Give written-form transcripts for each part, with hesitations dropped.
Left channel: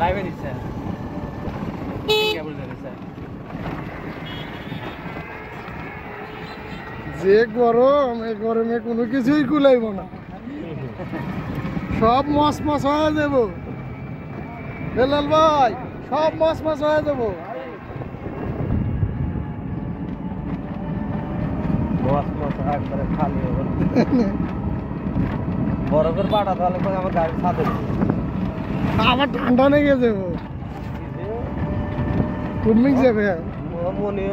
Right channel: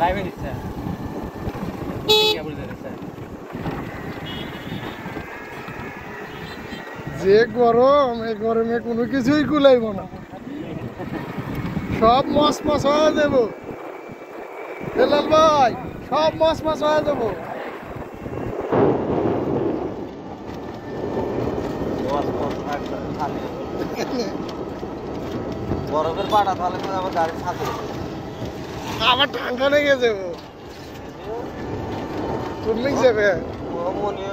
লাইভে দিচ্ছে যে গরম, এই গরমে কোনো কিছুই কুলাইব না, সব মস মস হয়ে যাব। বেলাল ভাই, সব মস মস হয়ে যাব। একবারে খালি বরফের পাটা তাহলে আমার গাড়ির ছাদে আবার ঠান্ডা লেগে যাবো, তুমি যাবে মনে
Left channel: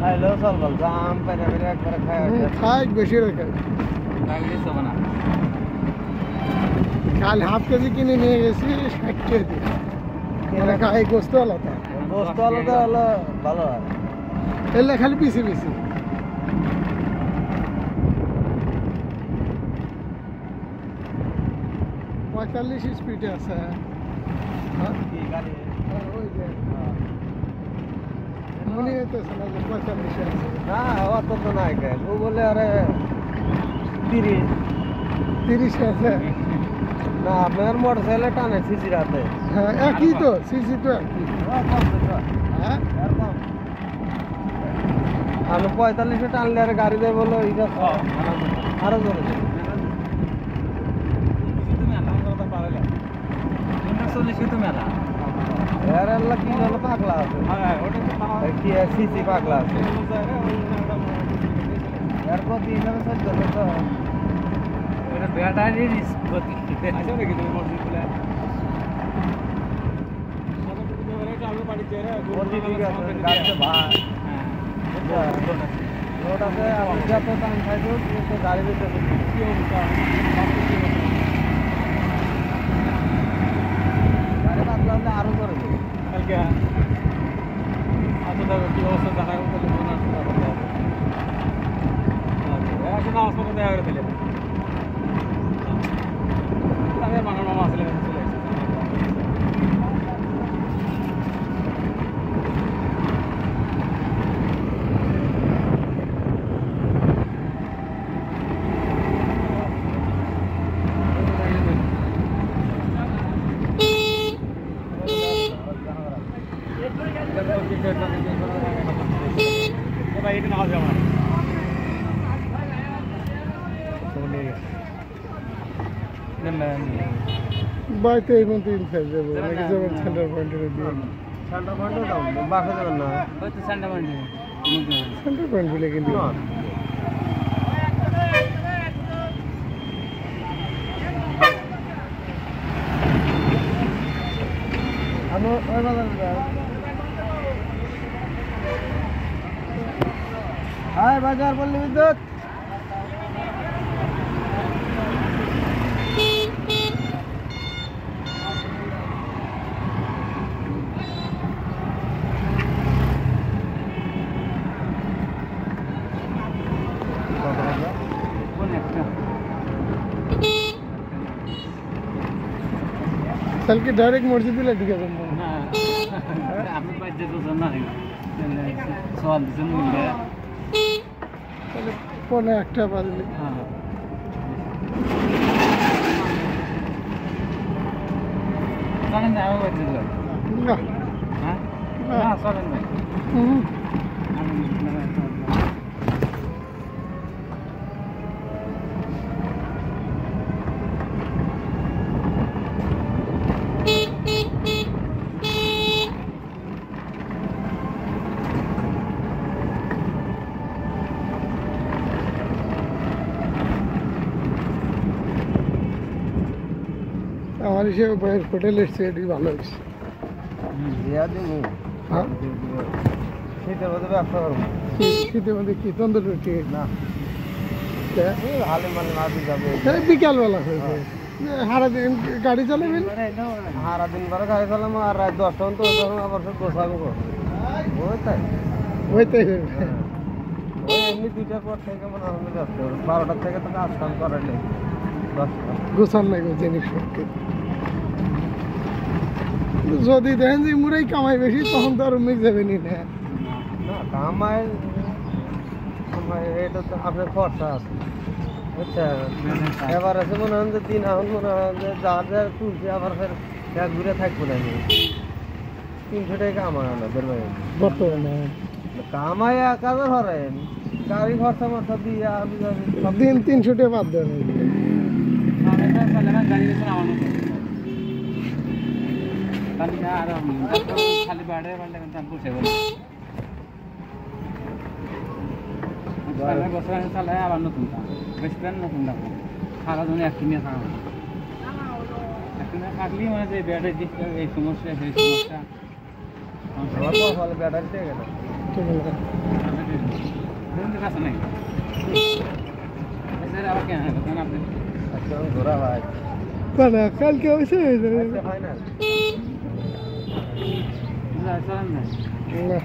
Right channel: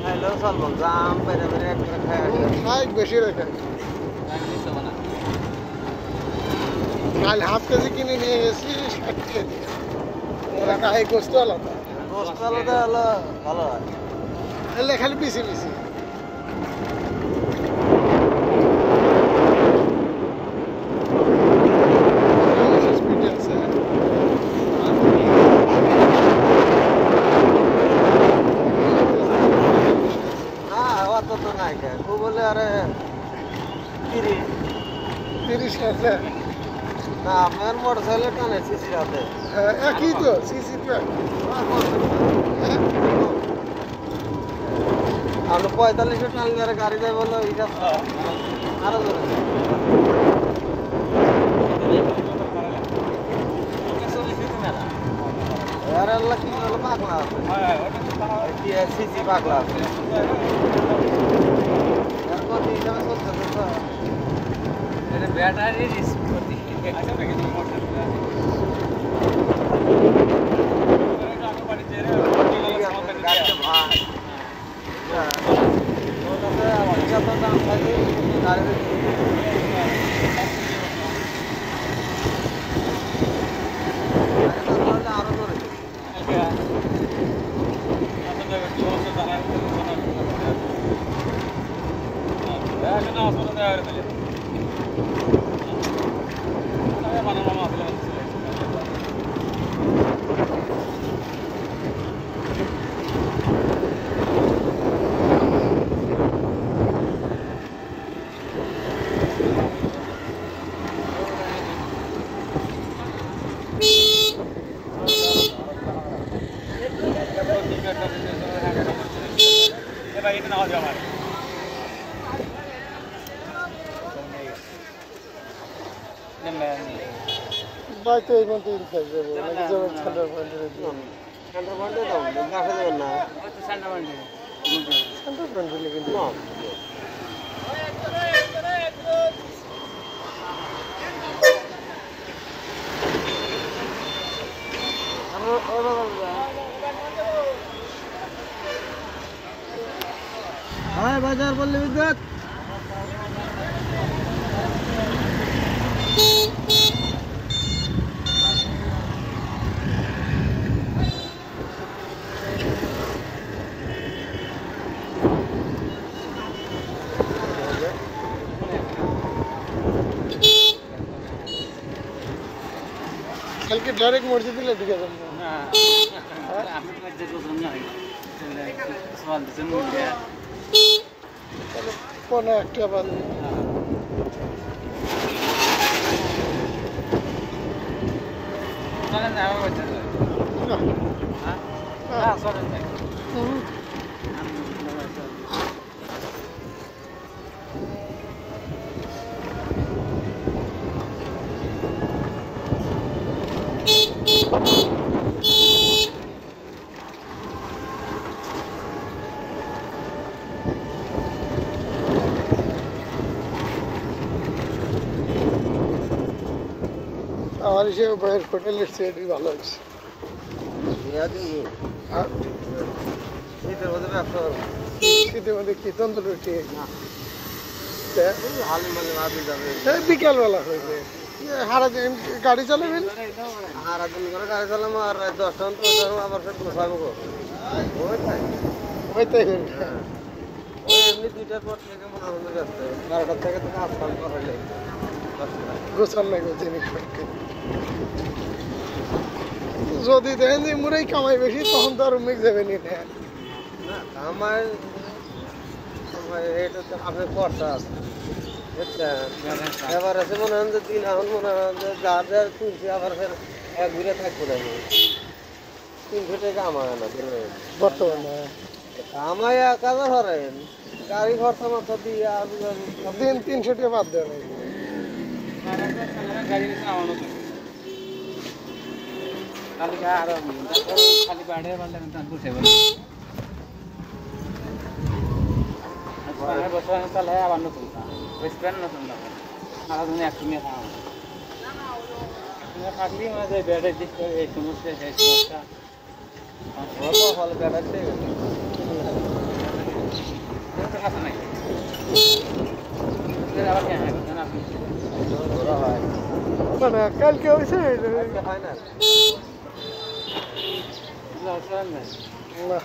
খাইলেও চল বল জাম পেরে পেরে একবারে খাই বেশি রেখে। কাল হাফ কেজি কিনে নিয়ে গেছি 60 টাকা দিয়ে। গায়ে গোস্ত আলাদা, গোস্ত আলাদা হলো ভালো হয়, এলে খালি পিসি পিসি। স্পিডে আছে না, অত তো নাই কে ও বলে আরে 30 আছে না। আপনার মোটর সাইকেল টানে সিসির হাতে। হ্যাঁ, একই তো সিসি তো একই। হ্যাঁ, আপনি 45 টানলে আর গাড়ি দেয় বলো এটা আরো জোরে এর আল্লাহ কি হলো পাগলা আছে, কি সিসি পাগলা আছে এর গতি হিসাবে চলতেছে তো ব্যাটারির গতি গাড়িতে ভাই লোড আছে যত দাম খাইছো কিন্তু গাড়ি দিতে গাড়ি বাংলা আরো করে কি অবস্থা জানাই বানানো আসলে भाई इतना हो जाए ভাই তো এই মধ্যে খাই যাবো নাকি যাবেন সেন্টার পয়েন্টে দিয়ে? সেন্টার পয়েন্টে দাও বাসা যাবেন না, সেন্টার পয়েন্ট বলে কিন্তু हाय बाजार पल्ली विद्युत कल के डायरेक्ट मस्जिद ले ढुके तुम हां আমি পাইতে তো না সওয়াল দিতে মুলে তাহলে কোন একটা বাজে হ্যাঁ কারণ আমি পাইতে যাই না হ্যাঁ না সরেন না আমার হিসেবে বাইরের হোটেলের চেয়ে ভালো হয়েছে। হ্যাঁ শীতের মধ্যে ব্যবসা করবো, শীতের মধ্যে কি তন্দুর রুটি না হালে মানে মাঝে যাবে বিকালবেলা হয়েছে সারা দিন গাড়ি চালাবেন, সারা দিন করে গাড়ি চালাবো আর রাত 10টা তো আবার সে গোছাবো ওই তাই ওই এমনি 2টার পর থেকে মনে হয় ব্যস্ত 12টার থেকে তো কাজ কাম করালে 10টা গোছান লাগবে জিনিসপত্র। যদি দেখেন যে মুরেই কামাই বেশি তখন তো আর মিক যাবে নি না। না কামাই কামাই এটা তো আপনার খরচা আছে বুঝছেন। এবার আছে মনে হয় যে দিন এখন মনে হয় যে যার যার তুলছি আবার ফের এক ঘুরে থাকবো না 300 টাকা কামায় না বেরোয় বর্তমানে কামাই 1000 হরেন গাড়ি খরচা মরচা দিয়ে আমি দিন 300 টাকা বাদ দেন খালি বাড়ে বাড়লে বসে বছর চালায় আবার নতুন বেস্ট প্যান্ট নতুন দাম সারাদিনে একটু নিয়ে থাকা একটু নিয়ে থাকলি মানে যে ব্যাটারি দিচ্ছে এই সমস্যা সেই সমস্যা ফলে ব্যাটারি দিয়ে গেল কাছে নাই আবার কেন আপনি ঘোরা হয় না না কালকে হয়েছে হয় না না